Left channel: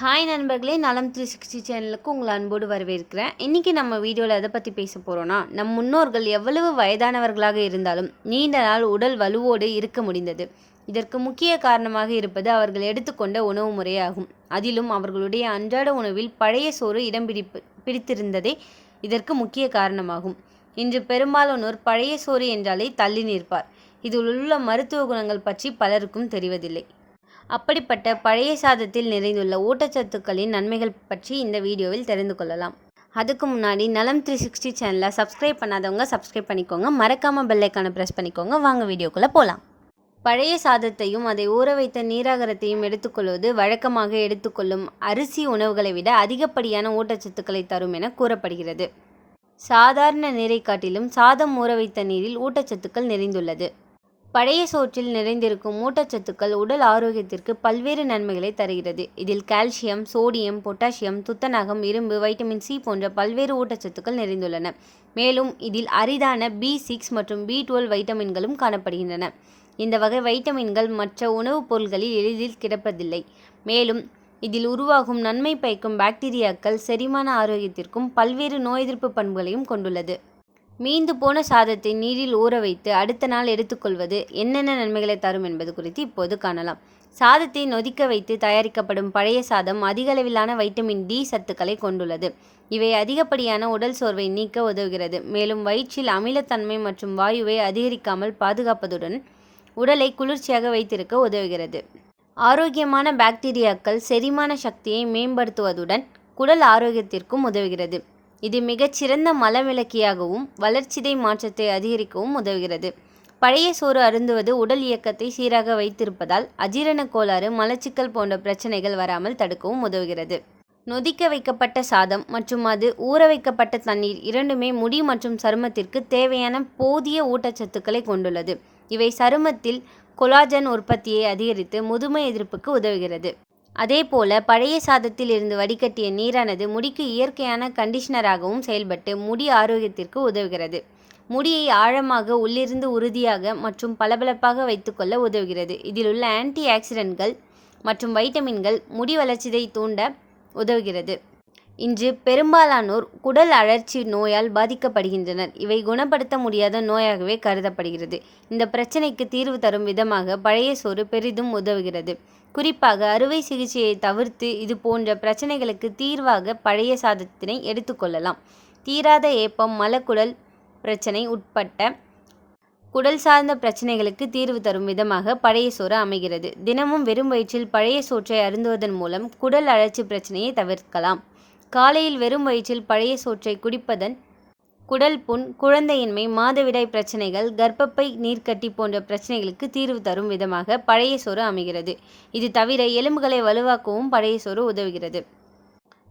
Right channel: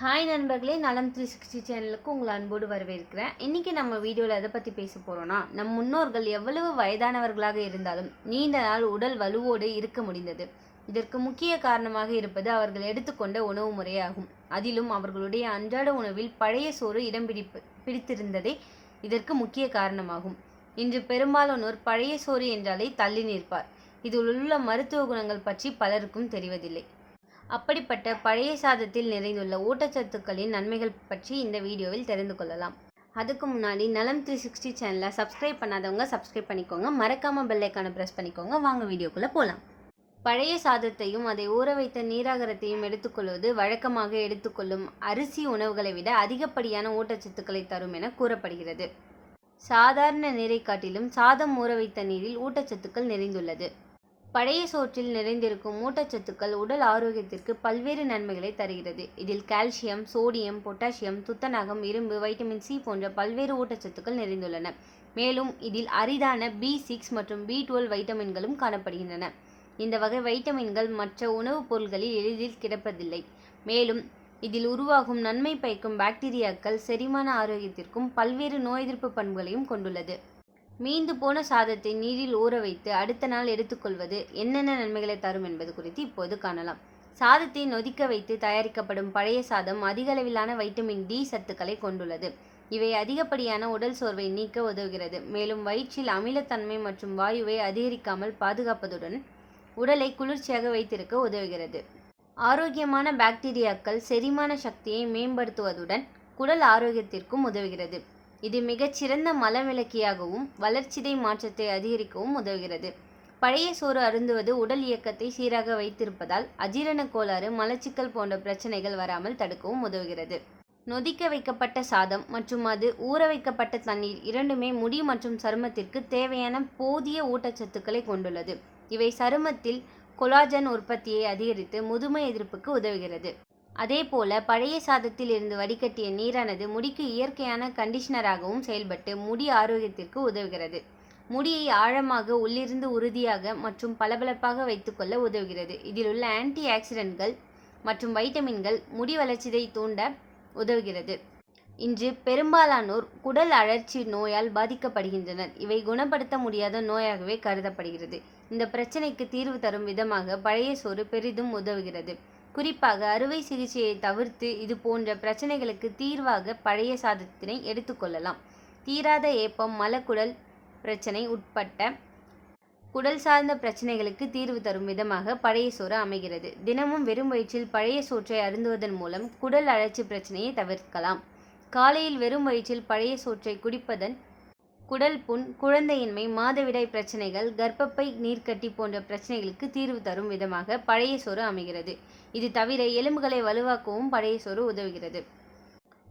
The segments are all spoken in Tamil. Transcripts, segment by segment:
ஹாய் நண்பர்களே நலம் த்ரீ சிக்ஸ்டி சேனலுக்கு உங்களை அன்போடு வரவேற்கிறேன். இன்றைக்கி நம்ம வீடியோவில் எதை பற்றி பேச போகிறோன்னா நம் முன்னோர்கள் எவ்வளவு வயதானவர்களாக இருந்தாலும் நீண்ட நாள் உடல் வலுவோடு இருக்க முடிந்தது. இதற்கு முக்கிய காரணமாக இருப்பது அவர்கள் எடுத்துக்கொண்ட உணவு முறையாகும். அதிலும் அவர்களுடைய அன்றாட உணவில் பழைய சோறு இடம் பிடிப்பு பிடித்திருந்ததே இதற்கு முக்கிய காரணமாகும். இன்று பெரும்பாலானோர் பழைய சோறு என்றாலே தள்ளி நிற்பார். இதில் உள்ள மருத்துவ குணங்கள் பற்றி பலருக்கும் தெரிவதில்லை. அப்படிப்பட்ட பழைய சாதத்தில் நிறைந்துள்ள ஊட்டச்சத்துக்களின் நன்மைகள் பற்றி இந்த வீடியோவில் தெரிந்து கொள்ளலாம். அதுக்கு முன்னாடி நலம் த்ரீ சிக்ஸ்டி சேனலை சப்ஸ்கிரைப் பண்ணாதவங்க சப்ஸ்கிரைப் பண்ணிக்கோங்க. மறக்காமல் பெல்லைக்கான ப்ரெஸ் பண்ணிக்கோங்க. வாங்க வீடியோக்குள்ளே போகலாம் பழைய சாதத்தையும் அதை ஊற வைத்த நீராகரத்தையும் எடுத்துக்கொள்வது வழக்கமாக எடுத்துக்கொள்ளும் அரிசி உணவுகளை விட அதிகப்படியான ஊட்டச்சத்துக்களை தரும் என கூறப்படுகிறது. சாதாரண நீரை காட்டிலும் சாதம் ஊற வைத்த நீரில் ஊட்டச்சத்துக்கள் நிறைந்துள்ளது. பழைய சோற்றில் நிறைந்திருக்கும் ஊட்டச்சத்துக்கள் உடல் ஆரோக்கியத்திற்கு பல்வேறு நன்மைகளை தருகிறது. இதில் கால்சியம் சோடியம் பொட்டாசியம் துத்தநாகம் இரும்பு வைட்டமின் சி போன்ற பல்வேறு ஊட்டச்சத்துக்கள் நிறைந்துள்ளன. மேலும் இதில் அரிதான பி சிக்ஸ் மற்றும் பி டுவெல் வைட்டமின்களும் காணப்படுகின்றன. இந்த வகை வைட்டமின்கள் மற்ற உணவுப் பொருட்களில் எளிதில் கிடப்பதில்லை. மேலும் இதில் உருவாகும் நன்மை பயக்கும் பாக்டீரியாக்கள் செரிமான ஆரோக்கியத்திற்கும் பல்வேறு நோய் எதிர்ப்பு பண்புகளையும் கொண்டுள்ளது. மீந்து போன சாதத்தை நீரில் ஊற வைத்து அடுத்த நாள் எடுத்துக்கொள்வது என்னென்ன நன்மைகளை தரும் என்பது குறித்து இப்போது காணலாம். சாதத்தை நொதிக்க வைத்து தயாரிக்கப்படும் பழைய சாதம் அதிக அளவிலான வைட்டமின் டி சத்துக்களை கொண்டுள்ளது. இவை அதிகப்படியான உடல் சோர்வை நீக்க உதவுகிறது. மேலும் வயிற்றில் அமிலத்தன்மை மற்றும் வாயுவை அதிகரிக்காமல் பாதுகாப்பதுடன் உடலை குளிர்ச்சியாக வைத்திருக்க உதவுகிறது. ஆரோக்கியமான பாக்டீரியாக்கள் செரிமான சக்தியை மேம்படுத்துவதுடன் குடல் ஆரோக்கியத்திற்கும் உதவுகிறது. இது மிகச்சிறந்த மலவிளக்கியாகவும் வளர்ச்சிதை மாற்றத்தை அதிகரிக்கவும் உதவுகிறது. பழைய சோறு அருந்துவது உடல் இயக்கத்தை சீராக வைத்திருப்பதால் அஜீரண கோளாறு மலச்சிக்கல் போன்ற பிரச்சனைகள் வராமல் தடுக்கவும் உதவுகிறது. நொதிக்க வைக்கப்பட்ட சாதம் மற்றும் அது ஊற வைக்கப்பட்ட தண்ணீர் இரண்டுமே முடி மற்றும் சருமத்திற்கு தேவையான போதிய ஊட்டச்சத்துக்களை கொண்டுள்ளது. இவை சருமத்தில் கொலாஜன் உற்பத்தியை அதிகரித்து முதுமை எதிர்ப்புக்கு உதவுகிறது. அதேபோல பழைய சாதத்தில் இருந்து வடிகட்டிய நீரானது முடிக்கு இயற்கையான கண்டிஷனராகவும் செயல்பட்டு முடி ஆரோக்கியத்திற்கு உதவுகிறது. முடியை ஆழமாக உள்ளிருந்து உறுதியாக மற்றும் பளபளப்பாக வைத்துக்கொள்ள உதவுகிறது. இதில் உள்ள ஆன்டி ஆக்சிடென்ட்கள் மற்றும் வைட்டமின்கள் முடி வளர்ச்சியை தூண்ட உதவுகிறது. இன்று பெரும்பாலானோர் குடல் அழற்சி நோயால் பாதிக்கப்படுகின்றனர். இவை குணப்படுத்த முடியாத நோயாகவே கருதப்படுகிறது. இந்த பிரச்சனைக்கு தீர்வு தரும் விதமாக பழைய சோறு பெரிதும் உதவுகிறது. குறிப்பாக அறுவை சிகிச்சையை தவிர்த்து இது போன்ற பிரச்சனைகளுக்கு தீர்வாக பழைய சாதத்தினை எடுத்துக்கொள்ளலாம் தீராத ஏப்பம் மலக்குடல் பிரச்சனை உட்பட்ட குடல் சார்ந்த பிரச்சனைகளுக்கு தீர்வு தரும் விதமாக பழைய சோறு அமைகிறது. தினமும் வெறும் வயிற்றில் பழைய சோற்றை அருந்துவதன் மூலம் குடல் அழற்சி பிரச்சனையை தவிர்க்கலாம். காலையில் வெறும் வயிற்றில் பழைய சோற்றை குடிப்பதன் குடல் புண் குழந்தையின்மை மாதவிடாய் பிரச்சனைகள் கர்ப்பப்பை நீர்க்கட்டி போன்ற பிரச்சனைகளுக்கு தீர்வு தரும் விதமாக பழைய சோறு அமைகிறது. இது தவிர எலும்புகளை வலுவாக்கவும் பழைய சோறு உதவுகிறது.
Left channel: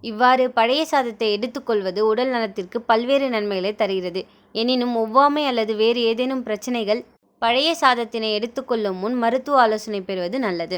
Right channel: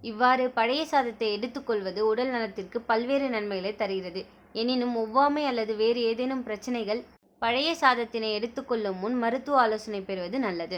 இவ்வாறு பழைய சாதத்தை எடுத்துக்கொள்வது உடல் நலத்திற்கு பல்வேறு நன்மைகளை தருகிறது. எனினும் ஒவ்வாமை அல்லது வேறு ஏதேனும் பிரச்சனைகள் பழைய சாதத்தினை எடுத்துக்கொள்ளும் முன் மருத்துவ ஆலோசனை பெறுவது நல்லது.